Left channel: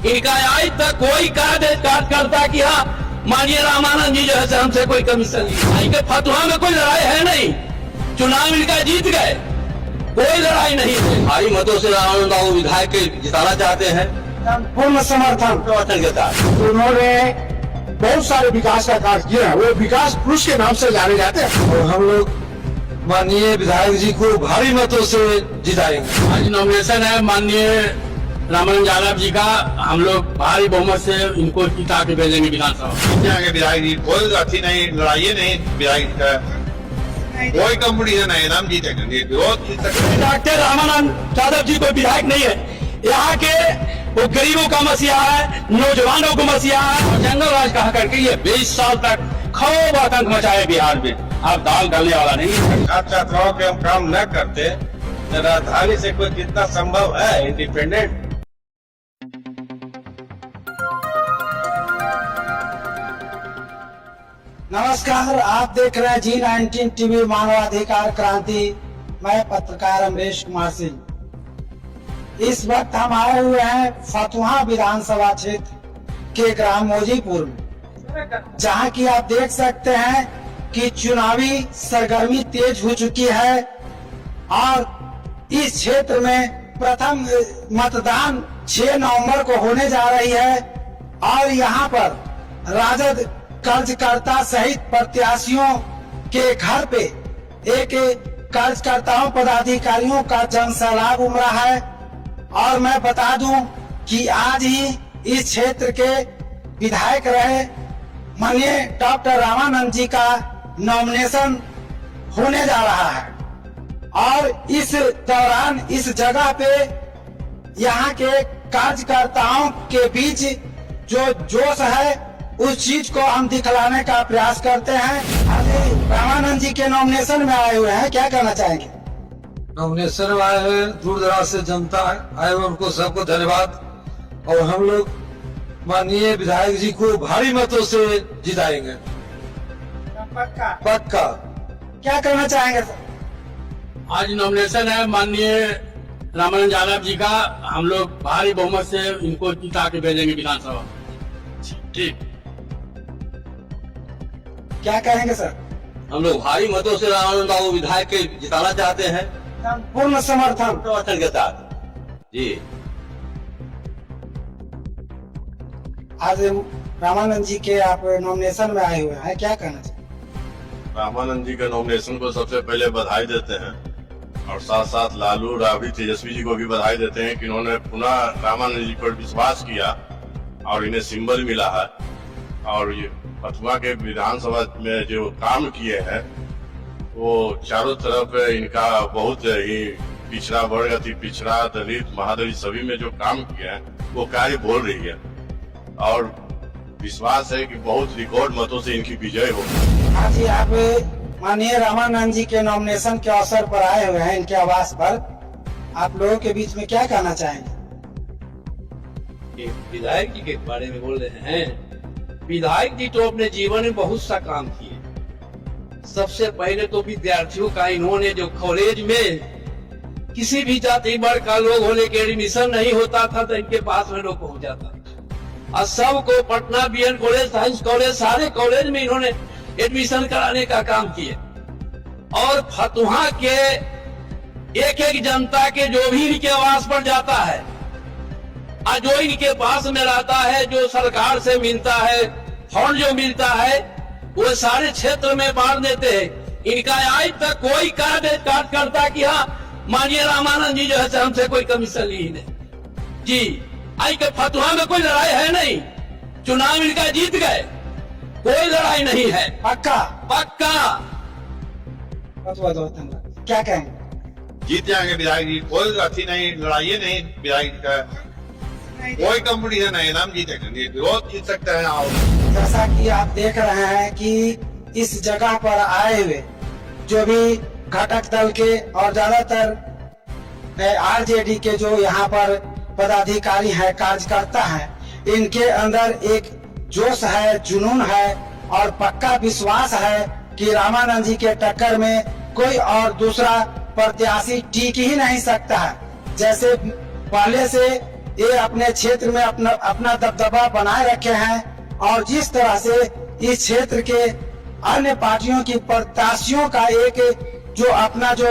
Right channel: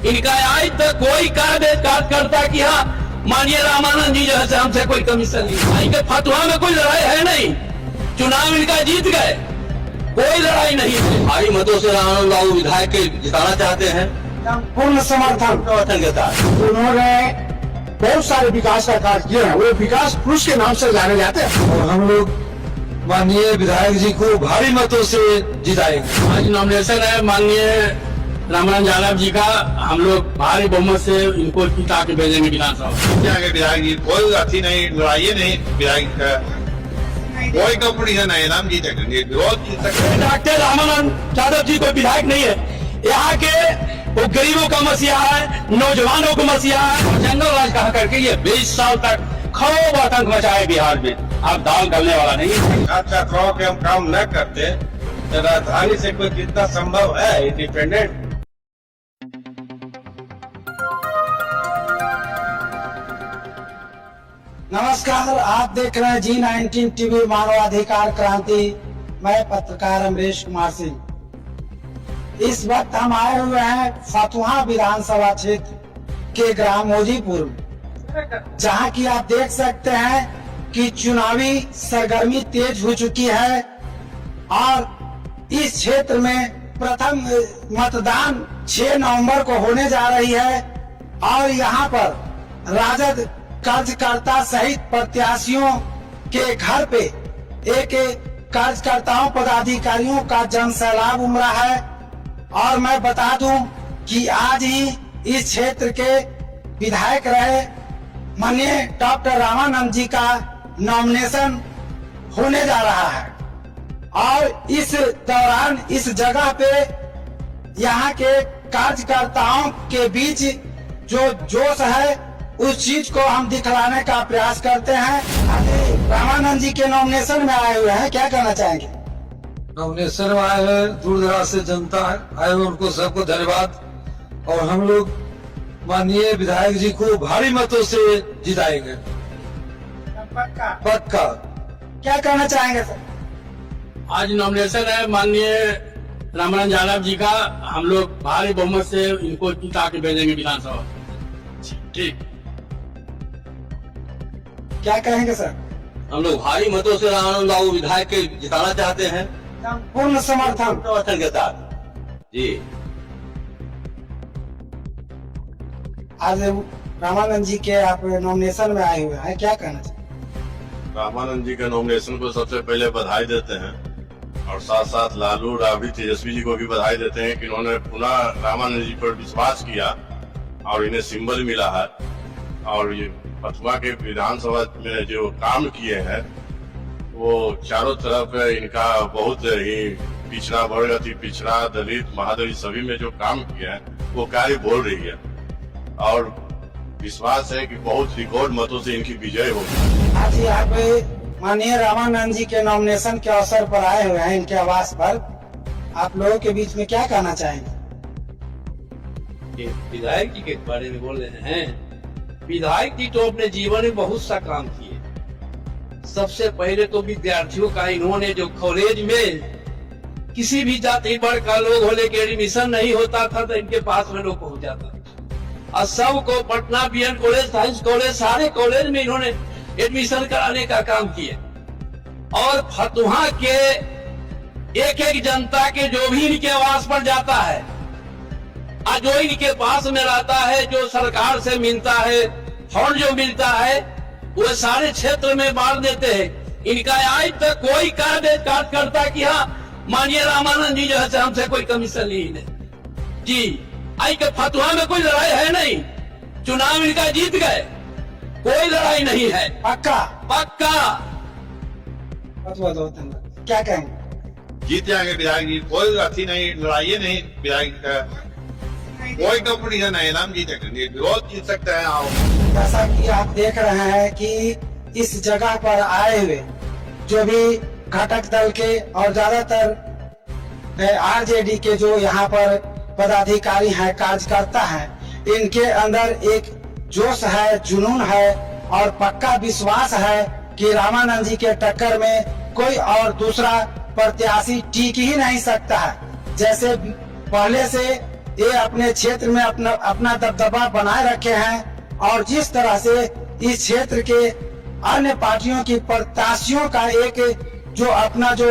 इनका आज तक कोई कार्यकर्ता की हाँ माननीय रामानंद जी जो है हमसे कोई कमीशन नहीं। इनके फतवा में कोई लड़ाई है नहीं, चुनाव इनका जीत गए, कोई लड़ाई नहीं है। भारी मतों से रामानंद बाबू विधायक के जिताना चाहते हैं, पूर्ण समर्थन के साथ। उन्होंने बहुत सारे विकास का कार्य किए हैं, वो विकास पुरुष के नाम से जाने जाते हैं और हम लोग माननीय विधायक जी को भारी मतों से जिताएंगे। आज नॉमिनेशन है माननीय रामानंद यादव जी का, हम लोग भारी बहुमत से इनको जिता के भेजेंगे विधानसभा। विधायक जी कोई अथी नहीं, लड़ाई नहीं, विधायक का कोई कंपटीशन नहीं, नाम जीतेंगे, विरोध जीत सकते। डॉक्टर रामानंद यादव जी कोई विधायक नहीं है, यहाँ के वो गरीबों का मसीहा है, नौजवानों को मसीहा है। जंगल राज कहा करके ये 20 साल तक खूब आतंक मचाए बिहार में, अब दाल गलने वाला नहीं है। छात्राओं के हम काम न करते तो राजधानी से कोई कितना संभव है इंडिपेंडेंट। नमस्कार, आप देख रहे हैं G19 टीवी मानवाधिकार क्रांति। मैं पत्रकार अमरीश कुमार सिंह। इस वक्त हम आए हुए हैं फतुहा विधानसभा क्षेत्र के ग्राम मौजीपुर में, जहां की आप देख सकते हैं कि चुनावी सरगर्मी तेज हो चुकी है और इस क्षेत्र में प्रथम मतदान 6 नवंबर को होने जा रही है और यहां पर राजद कार्यकर्ता सहित प्रत्याशियों के घर पे एक कार्यकर्ताओं पदाधिकारियों का जनसैलाब उमड़ा है। और मैं बता दूं कि आज ही इस क्षेत्र के विधायक रहे माननीय डॉक्टर रामानंद जी का नॉमिनेशन होने जा रहा है और इस दौरान इस जगह पे यहाँ के कार्यकर्ताओं के बीच जो जोश है उस चीज को हम दिखलाने का प्रयास करते हैं। रामानंद जी के नॉमिनेशन में आए हुए हैं, क्या कहना चाहेंगे? नॉमिनेशन में आए हैं, दूर दराज से जनता आए हुए, उनको सबको धन्यवाद। और हम लोग माननीय विधायक जी को भारी मतों से जिताएंगे, पक्का। क्या कहना चाहेंगे सर? आज नॉमिनेशन है माननीय रामानंद यादव जी का, हम लोग भारी बहुमत से इनको जिता के भेजेंगे विधानसभा। ठीक, क्या कहेंगे सर? हम लोग भारी मतों से रामानंद बाबू विधायक के जिताना चाहते हैं, पूर्ण समर्थन के साथ। जी, आज रामानंद जी के आप नॉमिनेशन में आए हुए हैं, क्या कहना चाहिए? रामानंद जी के नॉमिनेशन को सबसे पहले बधाई देते हैं और साथ साथ लालू राबड़ी तेजस्वी जी को भी बधाई देते हैं कि इन्होंने पुनः रामानंद जी पर विश्वास किया और इन्हें सिंबल मिला है। और ये फतुहा के विधानसभा में जो काम किए हैं वो चारों तरफ इनका बहुत ही पिछड़ा वर्ग, अति पिछड़ा, दलित, महादलित सभी में जो काम किया है वो कार्य बोल रही है और विश्वास है कि बहुत रिकॉर्ड मतों से इनकी विजय होगी। आज आप माननीय रामानंद जी के नॉमिनेशन के अवसर पर आए हुए हैं इनके आवास पर, आप लोगों के बीच में क्या कहना चाहेंगे? विधायक जी के बारे में बोल रहे हैं। विधायक जी तो अपने जीवन में बहुत सा काम किए। सबसे पहले तो विद्यार्थियों का इन्होंने जो कॉलेज में किसी भी जाति वर्ग का लोग होने के एडमिशन नहीं होता था तो इनके पास में लोग पहुंच जाता था और सबको Patna BN college, science college, सारे कॉलेज में इन्होंने एडमिशन कराने का काम किए। और फतुहा के एक एक जनता के जो भी इनके आवास पर जाता है और जो इनके पास में रहता है, जो सरकार से मिलता है, फंड जो मिलता है वो सारे क्षेत्र में बांट देते हैं। इनका आज तक कोई कार्यकर्ता की हाँ माननीय रामानंद जी जो है हमसे कोई कमीशन ली नहीं। जी, आज के फतुहा में कोई लड़ाई है नहीं, चुनाव इनका जीत गए, कोई लड़ाई नहीं है, पक्का पक्का। बहुत धन्यवाद। क्या कहेंगे? जीत जाएंगे विधायक जी, कोई अथी नहीं, लड़ाई नहीं, विधायक का कोई कंपटीशन नहीं, नाम जीतेंगे, विरोध जीत सकते हैं। आओ, जैसा कि आप देख रहे हैं कि इस जगह पर आए हुए जो भी घटक दल के और ज्यादातर आरजेडी के जो यहाँ पर पदाधिकारी हैं, कार्यकर्ता हैं, इनके अंदर एक जोश है, जुनून है और पक्का विश्वास है कि रामानंद जी के टक्कर में कोई और दूसरा प्रत्याशी टिक ही नहीं सकता है। जैसे पहले से ये अपने क्षेत्र में अपना दबदबा बनाए रखे हैं और जिस तरह से इस क्षेत्र के अन्य पार्टियों की प्रत्याशियों का एक जो अपना जो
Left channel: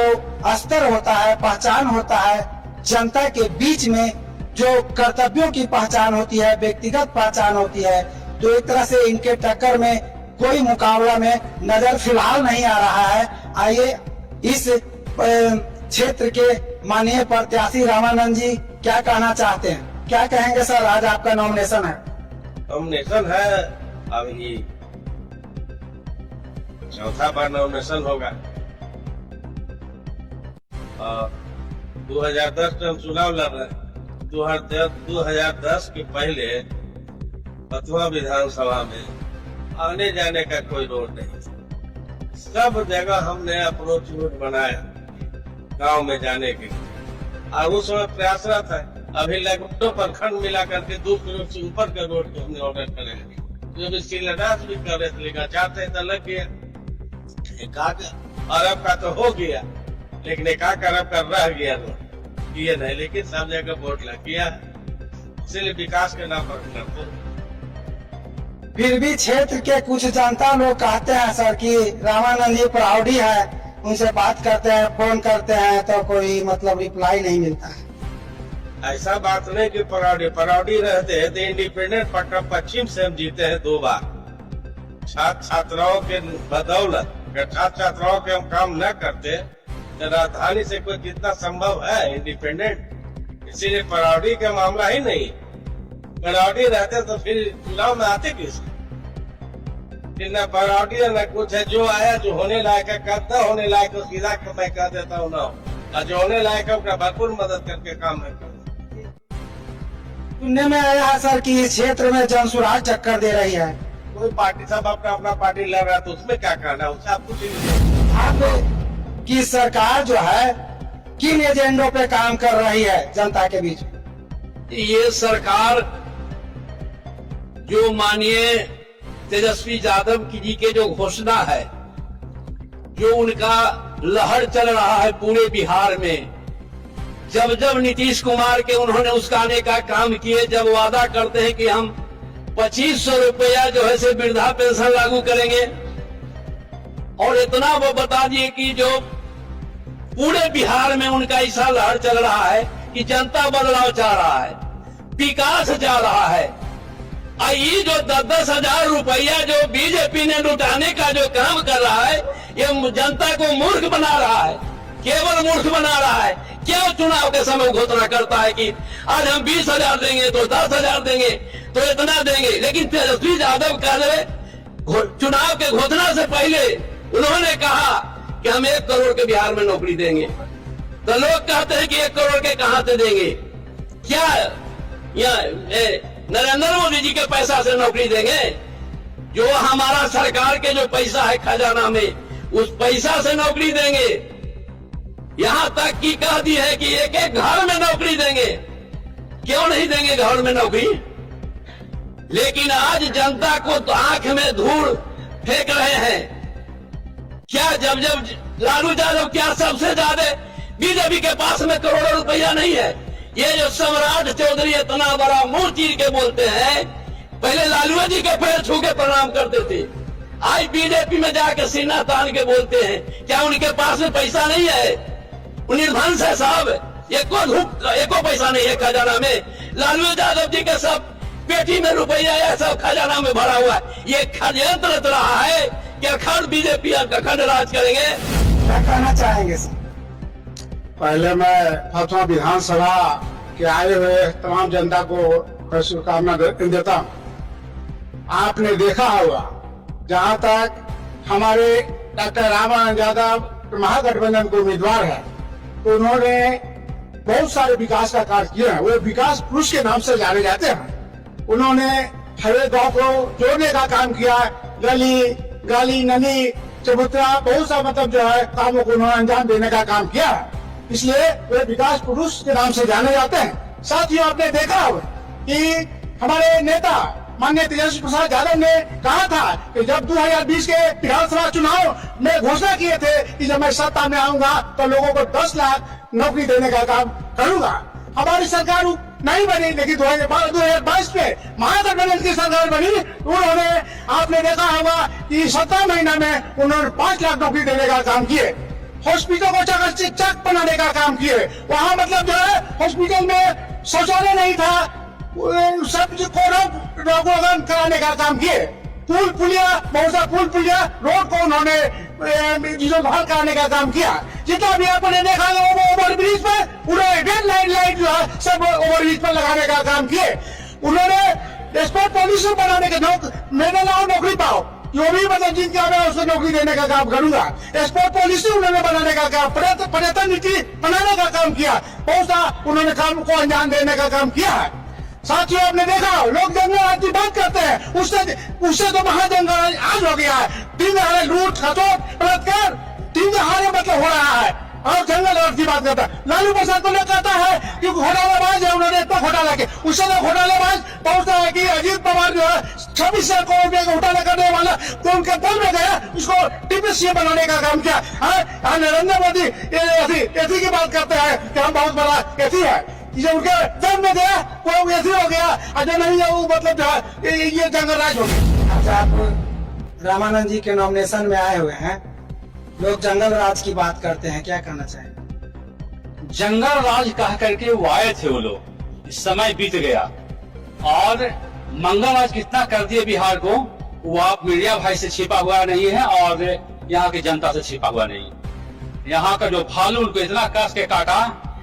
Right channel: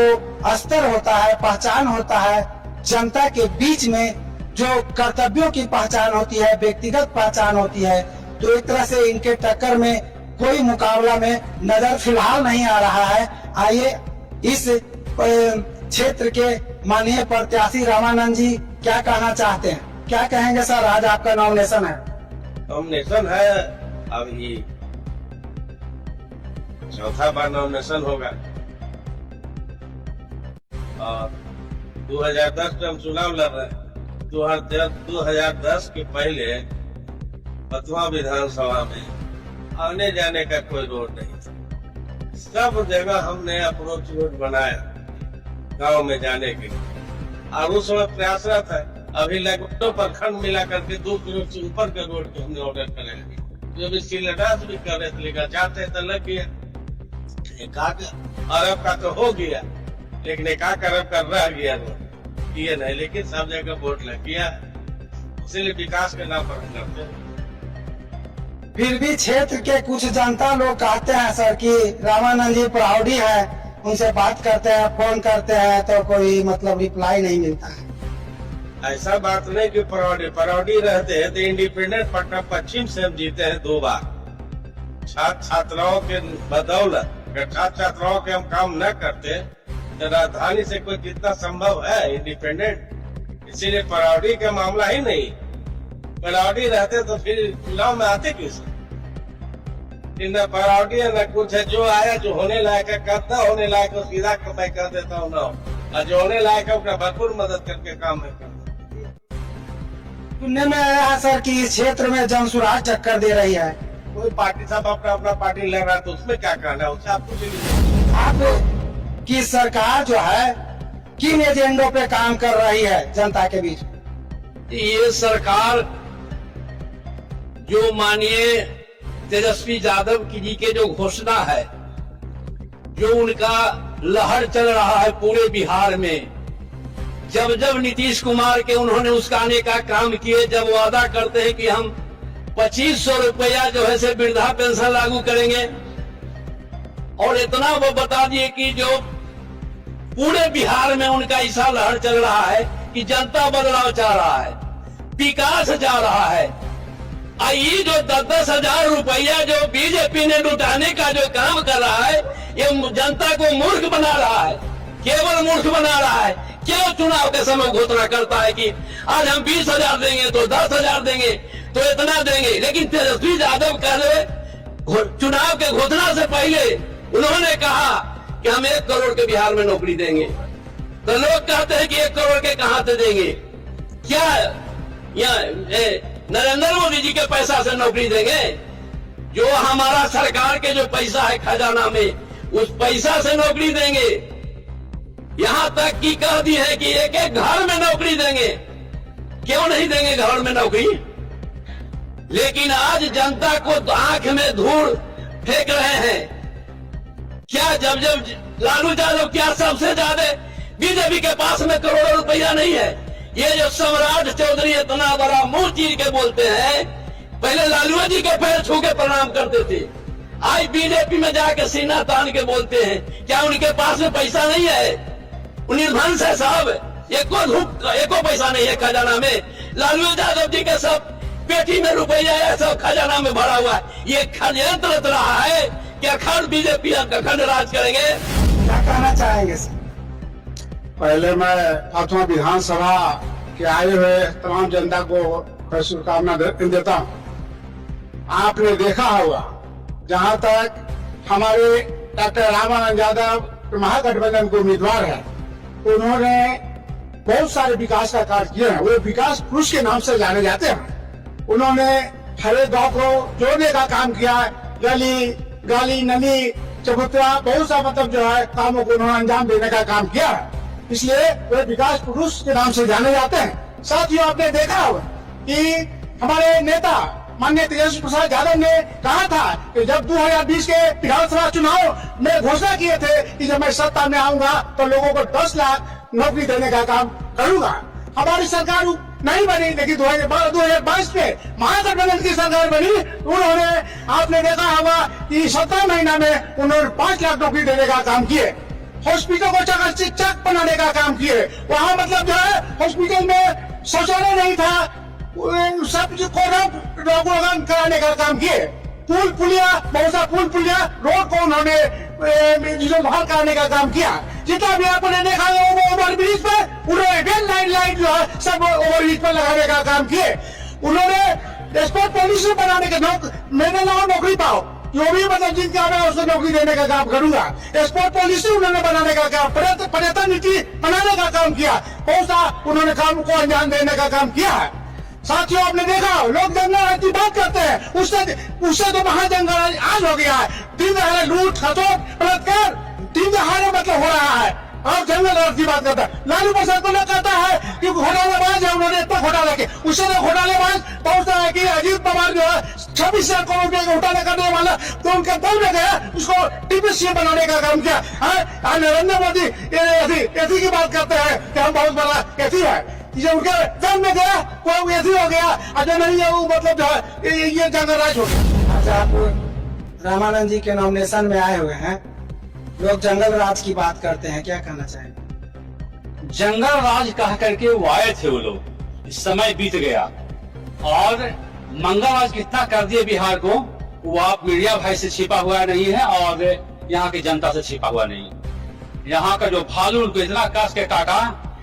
स्तर होता है, पहचान होता है, जनता के बीच में जो कर्तव्यों की पहचान होती है, व्यक्तिगत पहचान होती है, तो एक तरह से इनके टक्कर में कोई मुकाबला में नजर फिलहाल नहीं आ रहा है। आइए इस क्षेत्र के माननीय प्रत्याशी रामानंद जी क्या कहना चाहते हैं, क्या कहेंगे सर? आज आपका नॉमिनेशन है। नॉमिनेशन है, अभी चौथा बार नॉमिनेशन होगा। 2010 में हम चुनाव लड़ रहे हैं। 2010 के पहले पतवा विधानसभा में आने जाने का कोई रोड नहीं, सब जगह हमने अप्रोच रोड बनाया गांव में जाने के लिए, और उस समय प्रयासरत है। अभी लगभग प्रखंड मिला करके 2 किलोमीटर से ऊपर के रोड के हमने ऑर्डर करेंगे। जब शिलान्यास भी कर रहे थे, लेकिन चाहते तो लग गया, 1 अरब का तो हो गया, लेकिन 1 अरब का रह गया रोड, ये नहीं, लेकिन सब जगह वोट लग गया, इसलिए विकास के नाम पर करते हैं। फिर भी क्षेत्र के कुछ जनता लोग कहते हैं सर कि रामानंद जी प्राउडी है, उनसे बात करते हैं, फोन करते हैं तो कोई मतलब रिप्लाई नहीं मिलता है। ऐसा बात नहीं कि पराउडी रहते हैं, तो इंडिपेंडेंट पटना पश्चिम से हम जीते हैं 2 बार। छात्राओं के बदौलत, अगर छात्राओं के हम काम न करते तो राजधानी से कोई कितना संभव है इंडिपेंडेंट, इसीलिए पराउडी का मामला ही नहीं। पराउडी रहते तो फिर चुनाव में आते किस? न पराउडी है न कुछ है। जो आया, जो होने लायक है करता, होने लायक है सीधा मैं कह देता हूँ ना, और जो होने लायक है उसका भरपूर मदद करके काम है। सुनने में आया है सर कि इस क्षेत्र में जनसुराज टक्कर दे रही है। कोई पार्टी सब अपना पार्टी लड़ रहा है, तो उसमें क्या करना है, उससे आप कुछ नहीं। आप की सरकार जो है किन एजेंडों पे काम कर रही है जनता के बीच? ये सरकार जो माननीय तेजस्वी यादव जी के जो घोषणा है, जो उनका लहर चल रहा है पूरे बिहार में, जब जब नीतीश कुमार के उन्होंने उसकाने का काम किए, जब वादा करते हैं कि हम 2500 रुपया जो है से वृद्धा पेंशन लागू करेंगे, और इतना वो बता दिए कि जो पूरे बिहार में उनका ऐसा लहर चल रहा है कि जनता बदलाव चाह रहा है, विकास चाह रहा है। ये जो 10-10 हजार रुपया जो बीजेपी ने लुटाने का जो काम कर रहा है, ये जनता को मूर्ख बना रहा है, केवल मूर्ख बना रहा है। क्यों चुनाव के समय घोषणा करता है कि आज हम 20,000 देंगे तो 10,000 देंगे तो इतना देंगे, लेकिन तेजस्वी यादव चुनाव के घोषणा से पहले उन्होंने कहा कि हम 1 करोड़ के बिहार में नौकरी देंगे। तो लोग कहते हैं कि 1 करोड़ के कहां से देंगे? क्या नरेंद्र मोदी जी के पैसा से नौकरी देंगे? जो हमारा सरकार के जो पैसा है खजाना में, उस पैसा से नौकरी देंगे। यहां तक कि कह दी है कि एक घर में नौकरी देंगे। क्यों नहीं देंगे घर में नौकरी? लेकिन आज जनता को आंख में धूल फेंक रहे हैं। क्या जब लालू यादव क्या सबसे ज्यादा बीजेपी के पास में करोड़ों रुपया नहीं है? ये जो सम्राट चौधरी इतना बड़ा मुंह चीर के बोलते हैं, पहले लालू जी के पैर छू के प्रणाम करते थे, आज बीजेपी में जाके सीना तान के बोलते हैं। क्या उनके पास में पैसा नहीं है? निर्धन है साहब, एको पैसा नहीं है खजाना में। लालू यादव जी के सब पेटी में रुपया है, सब खजाना में भरा हुआ है। ये षड्यंत्र रच रहा है कि अखंड बीजेपी अखंड राज करेंगे। क्या कहना चाहेंगे सर? पहले मैं फतवा विधानसभा के आए हुए तमाम जनता को शुभकामना देता हूँ। आपने देखा होगा, जहाँ तक हमारे डॉक्टर रामानंद यादव महागठबंधन के उम्मीदवार है, तो उन्होंने बहुत सारे विकास का कार्य किए हैं। वो विकास पुरुष के नाम से जाने जाते हैं। उन्होंने हर एक गाँव को जोड़ने का काम किया, गली नली चबूतरा, बहुत सा मतलब जो है कामों को उन्होंने अंजाम देने का काम किया है। इसलिए वे विकास पुरुष के नाम से जाने जाते हैं। साथियों, आपने देखा होगा कि हमारे नेता माननीय तेजस्वी प्रसाद यादव ने कहा था कि जब 2020 के विधानसभा चुनाव में घोषणा किए थे कि जब मैं सत्ता में आऊंगा तो लोगों को 10 लाख नौकरी देने का काम करूंगा। हमारी सरकार नहीं बनी, लेकिन 2022 में महागठबंधन की सरकार बनी। उन्होंने, आपने देखा होगा कि 17 महीना में उन्होंने 5 लाख नौकरी देने का काम किए, हॉस्पिटल को चक बनाने का काम किए। वहाँ मतलब जो है हॉस्पिटल में शौचालय नहीं था, सब को कराने का काम किए। पुल पुलिया, बहुत सा पुल पुलिया, रोड को उन्होंने जीर्णोद्धार कराने का काम किया। जितना भी आपने देखा वो ओवर ब्रिज पर उन्होंने रेल लाइट जो है सब ओवर ब्रिज पर लगाने का काम किए। उन्होंने स्पोर्ट पॉलिसी बनाने के मेरे लाओ नौकरी पाओ, जो भी मतलब जिनका मैं उसको नौकरी देने का काम करूंगा। स्पोर्ट पॉलिसी उन्होंने बनाने का काम, पर्यटन नीति बनाने का काम किया। बहुत सा उन्होंने काम को अंजाम देने का काम किया है। साथियों, आपने देखा लोग जंगल राज की बात करते हैं, उससे तो महाजंगल राज आज हो गया है। दिन दहाड़े लूट खसोट बलात्कार दिन दहाड़े मतलब हो रहा है, और जंगल राज की बात करता है। लालू प्रसाद को लोग कहता है कि घोटालाबाज है, उन्होंने इतना घोटाला किया। उससे तो घोटालेबाज पहुंचता है कि अजीत पवार जो है 26,000 करोड़ रुपए का घोटाला करने वाला, तो उनके दल में गया, उसको डिप्टी सीएम बनाने का काम किया। नरेंद्र मोदी एथी की बात करते हैं कि हम बहुत बड़ा एथी है। जब उनके दल में गया वो एथी हो गया, और जो नहीं है वो मतलब जो है ये जंगल राज हो गया। अच्छा, आप रामानंद जी के नॉमिनेशन में आए हुए हैं, लोग जंगल राज की बात करते हैं, क्या कहना चाहेंगे? जंगल राज कह करके वो आए थे वो लोग, इस समय बीत गया, और मंगल राज कितना कर दिए बिहार को, वो आप मीडिया भाई से छिपा हुआ नहीं है और यहाँ की जनता से छिपा हुआ नहीं। यहाँ का जो भालू उनको इतना कस के काटा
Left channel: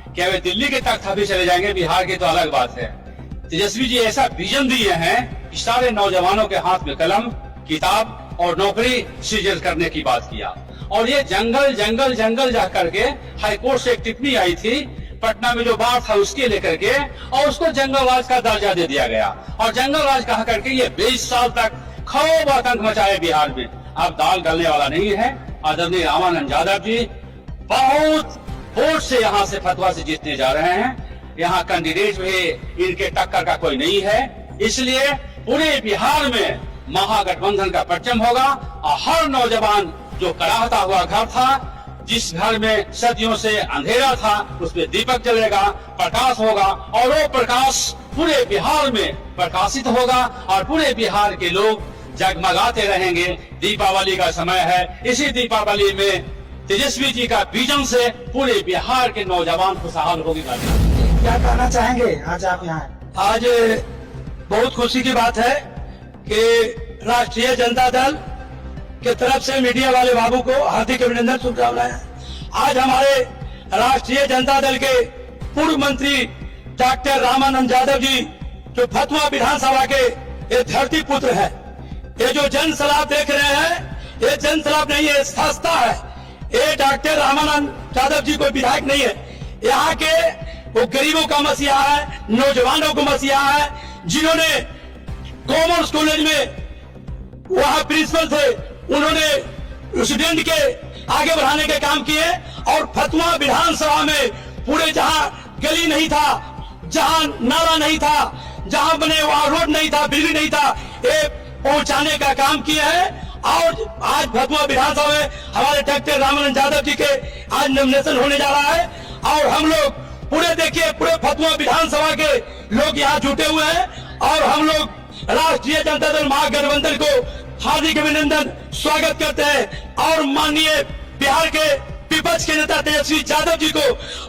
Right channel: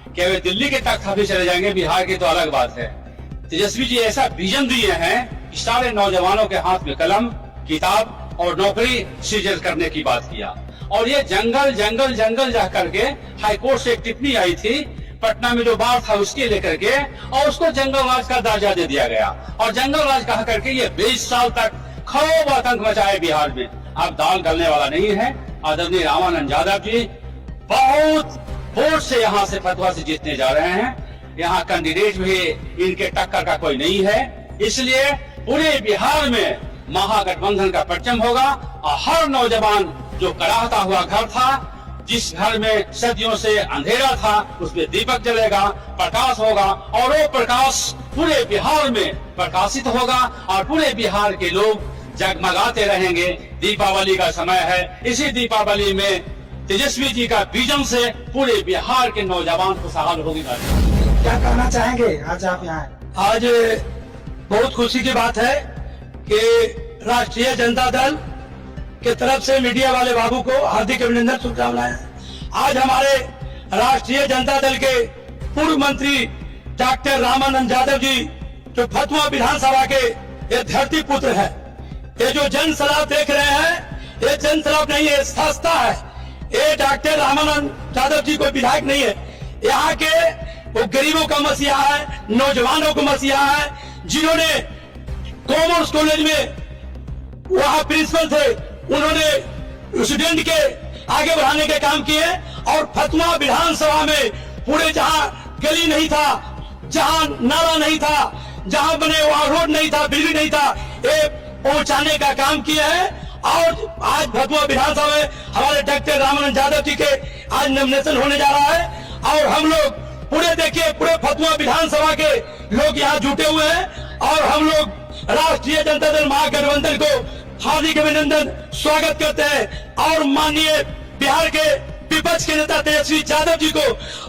कि वे दिल्ली के तख्त भी चले जाएंगे, बिहार की तो अलग बात है। तेजस्वी जी ऐसा विजन दिए हैं कि सारे नौजवानों के हाथ में कलम, किताब और नौकरी सृजन करने की बात किया। और ये जंगल जंगल जंगल जा करके हाईकोर्ट से एक टिप्पणी आई थी पटना में जो बाढ़ था उसके लेकर के, और उसको जंगल राज का दर्जा दे दिया गया। और जंगल राज कहा करके ये 20 साल तक खूब आतंक मचाए बिहार में। अब दाल गलने वाला नहीं है। आदरणीय रामानंद यादव जी बहुत वोट से यहाँ से फतवा से जीतने जा रहे हैं। यहाँ कैंडिडेट भी इनके टक्कर का कोई नहीं है, इसलिए पूरे बिहार में महागठबंधन का परचम होगा। और हर नौजवान जो कराहता हुआ घर था, जिस घर में सदियों से अंधेरा था, उसमें दीपक जलेगा, प्रकाश होगा, और वो प्रकाश पूरे बिहार में प्रकाशित होगा और पूरे बिहार के लोग जगमगाते रहेंगे। दीपावली का समय है, इसी दीपावली में तेजस्वी जी का विजन से पूरे बिहार के नौजवान खुशहाल होगी। क्या कहना चाहेंगे? आज आप यहाँ आए। आज बहुत खुशी की बात है कि राष्ट्रीय जनता दल के तरफ से मीडिया वाले बाबू को हार्दिक अभिनंदन, शुभकामनाएं। आज हमारे राष्ट्रीय जनता दल के पूर्व मंत्री डॉक्टर रामानंद यादव जी, जो फतुहा विधानसभा के ये धरती पुत्र हैं, ये जो जन सलाह देख रहे हैं, ये जन सलाह नहीं है, संस्था है। ये डॉक्टर रामानंद यादव जी कोई विधायक नहीं है, यहाँ के वो गरीबों का मसीहा है, नौजवानों का मसीहा है, जिन्होंने कॉमर्स कॉलेज में वहाँ प्रिंसिपल थे, उन्होंने स्टूडेंट के आगे बढ़ाने के काम किए। और फतुहा विधानसभा में पूरे जहाँ गली नहीं था, जहाँ नाला नहीं था, जहाँ बने वहाँ रोड नहीं था, बिजली नहीं था, ये पहुंचाने का काम किए हैं। और आज फतुहा विधानसभा में हमारे डॉक्टर रामानंद यादव जी के आज नॉमिनेशन होने जा रहा है, और हम लोग पूरे देखिए पूरे फतुहा विधानसभा के लोग यहाँ जुटे हुए हैं, और हम लोग राष्ट्रीय जनता दल महागठबंधन को हार्दिक अभिनंदन स्वागत करते हैं। और माननीय बिहार के विपक्ष के नेता तेजस्वी यादव जी को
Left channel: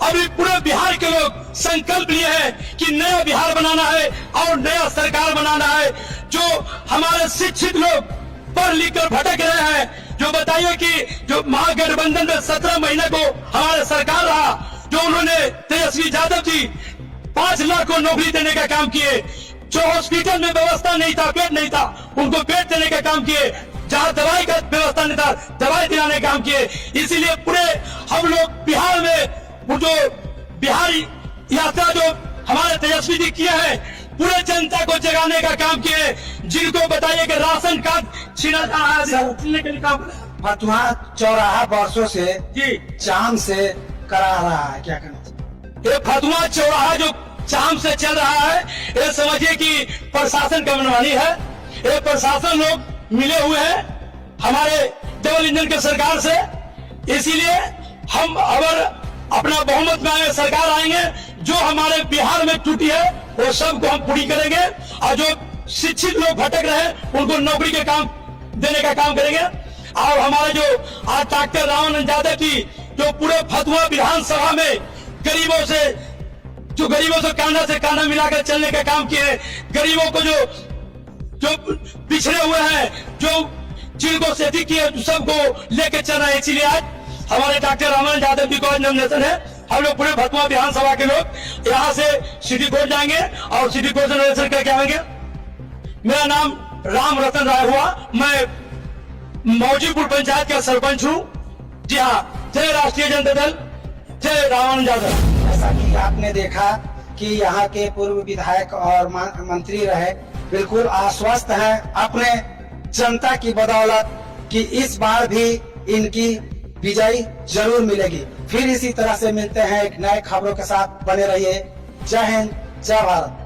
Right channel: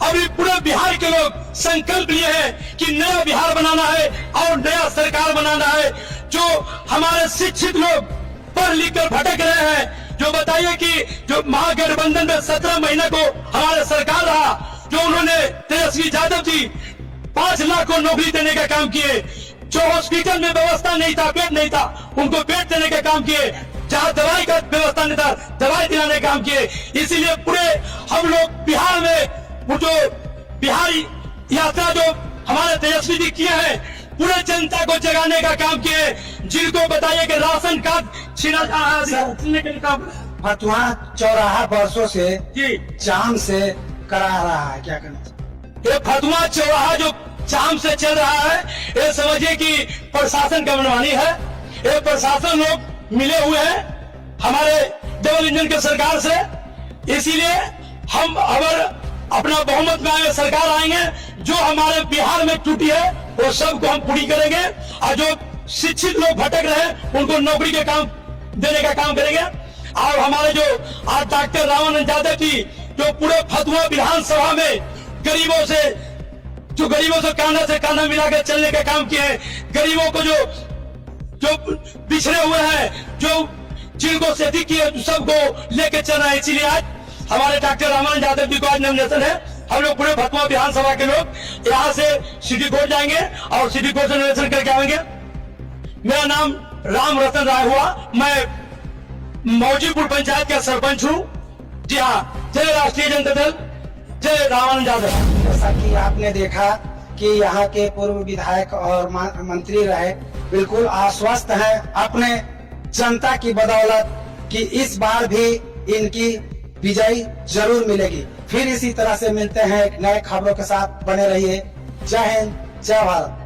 अभी पूरे बिहार के लोग संकल्प लिए हैं कि नया बिहार बनाना है और नया सरकार बनाना है। जो हमारे शिक्षित लोग पढ़ लिख कर भटक रहे हैं, जो बताइए कि जो महागठबंधन में 17 महीने को हमारे सरकार रहा, जो उन्होंने तेजस्वी यादव जी 5 लाख को नौकरी देने का काम किए, जो हॉस्पिटल में व्यवस्था नहीं था, बेड नहीं था, उनको बेड देने का काम किए, जहाँ दवाई का व्यवस्था नहीं था, दवाई दिलाने का काम किए। इसीलिए पूरे हम लोग बिहार में जो बिहारी यात्रा जो हमारे तेजस्वी जी किए हैं, पूरे जनता को जगाने का काम किए। जिनको बताइए कि राशन कार्ड छीना जा रहा है, छीनने के लिए काम फतुहा चौराहा वर्षों से जी जाम से करा रहा है, क्या कहना चाहिए? ये फतुहा चौराहा जो जाम से चल रहा है, ये समझिए कि प्रशासन का मनमानी है। ये प्रशासन लोग मिले हुए हैं हमारे डबल इंजन के सरकार से। इसीलिए हम अगर अपना बहुमत में आए, सरकार आएंगे, जो हमारे बिहार में त्रुटि है वो सबको हम पूरी करेंगे और जो शिक्षित लोग भटक रहे हैं उनको नौकरी के काम देने का काम करेंगे। और हमारे जो आज डॉक्टर रामानंद यादव जी जो पूरे फतुहा विधानसभा में गरीबों से कांधा मिलाकर चलने का काम किए हैं, गरीबों को जो पिछड़े हुए हैं, जो जिनको क्षति की है, सबको लेकर चल रहे हैं। इसीलिए आज हमारे डॉक्टर रामानंद यादव जी को आज नॉमिनेशन है। हम लोग पूरे फतुहा विधानसभा के लोग यहाँ से सिटी कोर्ट जाएंगे और सिटी कोर्ट से नॉमिनेशन करके आएंगे। मेरा नाम राम रतन राय हुआ, मैं मौजीपुर पंचायत का सरपंच हूँ। जी हाँ, जय राष्ट्रीय जनता दल, जय रामानंद यादव। जैसा कि आपने देखा कि यहाँ के पूर्व विधायक और मंत्री रहे बिल्कुल आश्वस्त हैं अपने जनता की बदौलत कि इस बार भी इनकी विजय जरूर मिलेगी। फिर इसी तरह से मिलते हैं एक नए खबरों के साथ, बने रहिए। जय हिंद, जय भारत।